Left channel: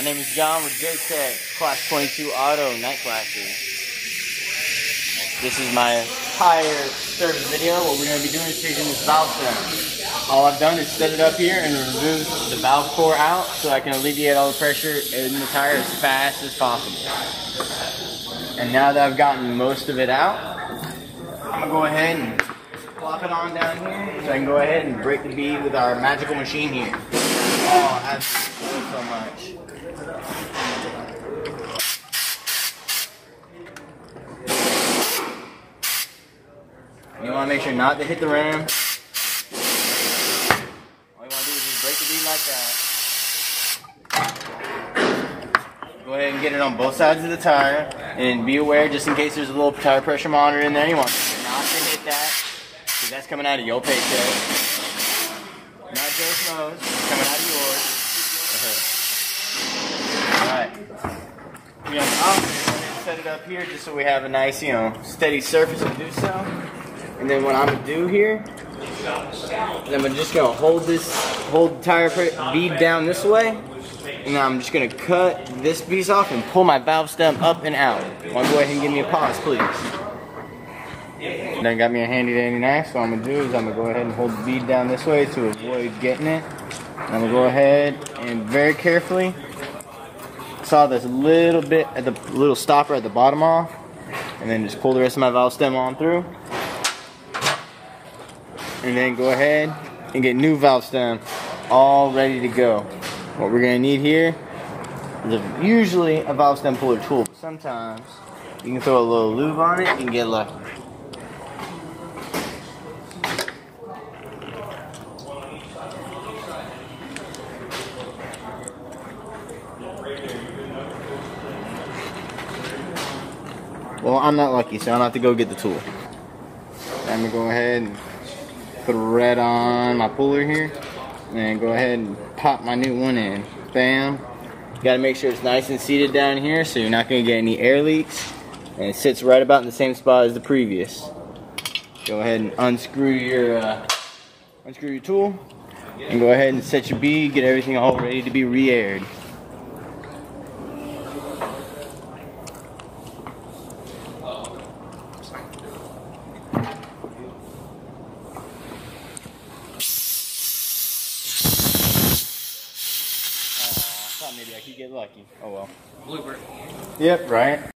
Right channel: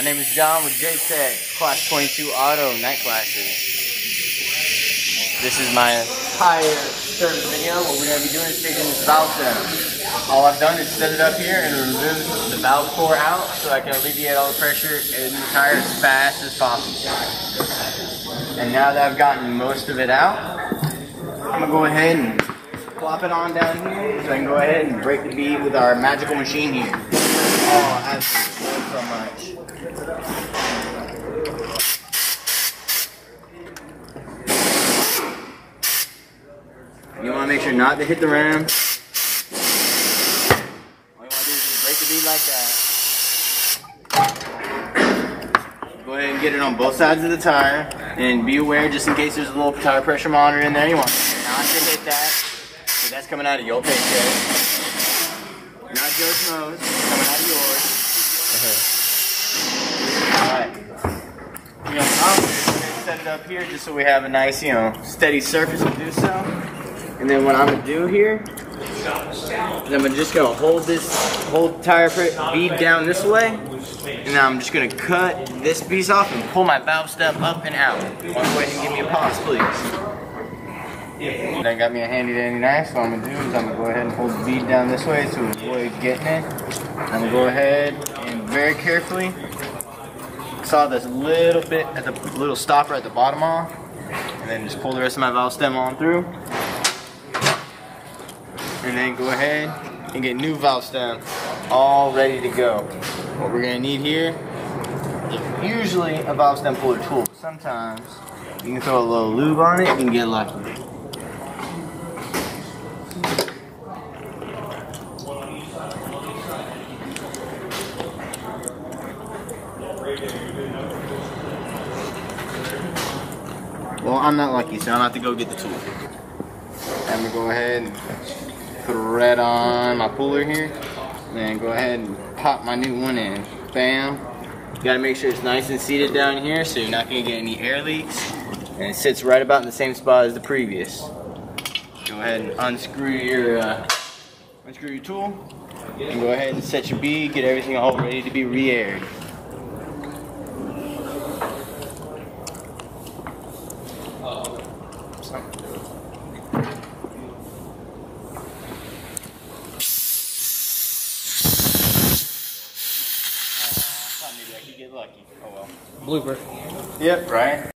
My name is John with JTech, Class 22 Auto Night Classes. This is my tire service video. What we're going to be doing is taking this valve stem. All I've done is set it up here and remove the valve core out so I can alleviate all the pressure in the tire as fast as possible. And now that I've gotten most of it out, I'm going to go ahead and plop it on down here so I can go ahead and break the bead with our magical machine here. Oh, I absolutely so much. You want to make sure not to hit the rim. All you want to do is just break the bead like that. Go ahead and get it on both sides of the tire. And be aware, just in case there's a little tire pressure monitor in there, you want not to hit that. Because that's coming out of your paycheck. Not Joe's nose, it's coming out of yours. Alright. Again, I'll set it up here just so we have a nice, steady surface to do so. And then what I'm going to do here is I'm just going to hold the tire bead down this way. And then I'm just going to cut this piece off and pull my valve stem up and out. One way and give me a pause, please. Done got me a handy dandy knife, so what I'm going to do is I'm going to go ahead and hold the bead down this way to avoid getting it. I'm going to go ahead and very carefully saw this little bit at the little stopper at the bottom off, and then just pull the rest of my valve stem on through. And then go ahead and get new valve stem all ready to go. What we're going to need here is usually a valve stem puller tool, but sometimes you can throw a little lube on it and get lucky. Well, I'm not lucky, so I'm gonna have to go get the tool. I'm gonna go ahead and put a red on my puller here, and then go ahead and pop my new one in. Bam. You gotta make sure it's nice and seated down here so you're not gonna get any air leaks. And it sits right about in the same spot as the previous. Go ahead and unscrew your tool, and go ahead and set your bead, get everything all ready to be re-aired. Maybe I could get lucky. Oh well. Blooper. Yep, right.